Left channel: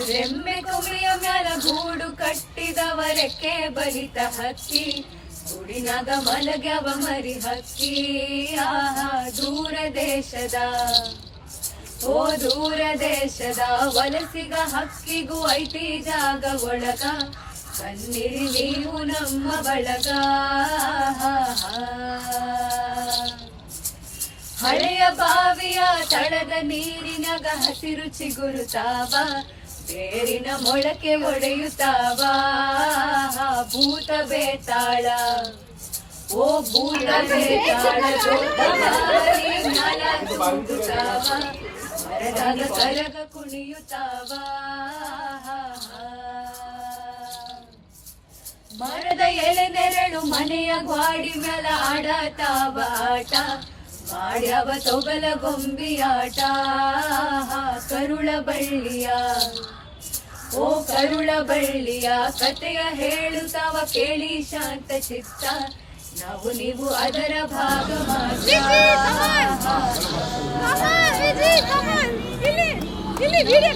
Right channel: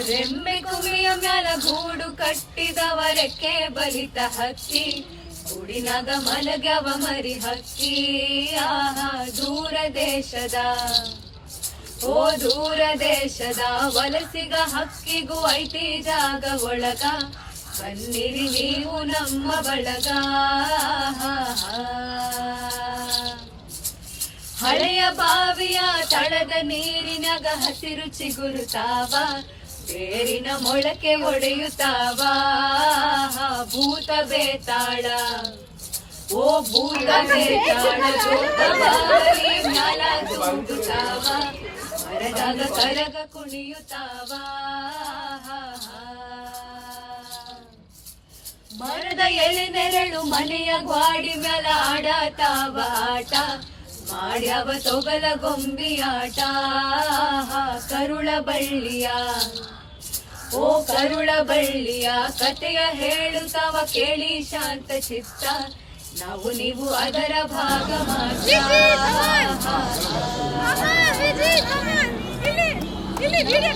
ರೆಮ್ಮೆ ಕುಮಿಯ ಮ್ಯಾಲ ಗೂಡು ಕಟ್ಟಿದವರಕ್ಕೆ ಬಲಿತ ಹಕ್ಕಿ ಗುಡಿನಾಗ ಮಲಗ್ಯವ ಮರಿ ಹಕ್ಕಿ ಆಹಾ ದೂರ ದೇಶದ ಓ ದೂರ ದೇಶದ ವಲಸಿಗ ಹಕ್ಕಿಗೂ ಐತಿ ಜಾಗ ಒಳಗ ಬನ್ನಿರಿ ನೀವು ನಮ್ಮ ಬಳಗ ಹಳೆಯ ಬಾವಿಯ ತಳದ ನೀರಿನಾಗ ಹಸಿರು ಚಿಗುರುತ್ತಾವ ಬೇರಿನ ಮೊಳಕೆ ಒಡೆಯುತ್ತಾವ ಭೂತ ಬೇತಾಳ ಓ ಭೂತ ಬೇತಾಳ ಮ್ಯಾಲ ತುಂಬುತ್ತಾವ ಮರದಾಗ ಕರಗ ಕುಣಿಯುತ್ತಾವ ಮರದ ಎಲೆ ನೆರಳು ಮನೆಯ ಗ್ವಾಡಿ ಮ್ಯಾಲ ಆಡತಾವ ಆಟ ಮಾಡ್ಯಾವ ತೊಗಲ ಗೊಂಬಿಯಾಟ ಕರುಳ ಬಳ್ಳಿಯ ಓ ಕರುಳ ಬಳ್ಳಿಯ ಕಥೆಯ ಹೇಳುತ್ತಾವ ಕೇಳಿ ಶಾಂತ ಚಿತ್ತ ನಾವು ನೀವು ಅದರ ಭಾಗ ಇಲ್ಲಿ ವಿಡಿಯೋ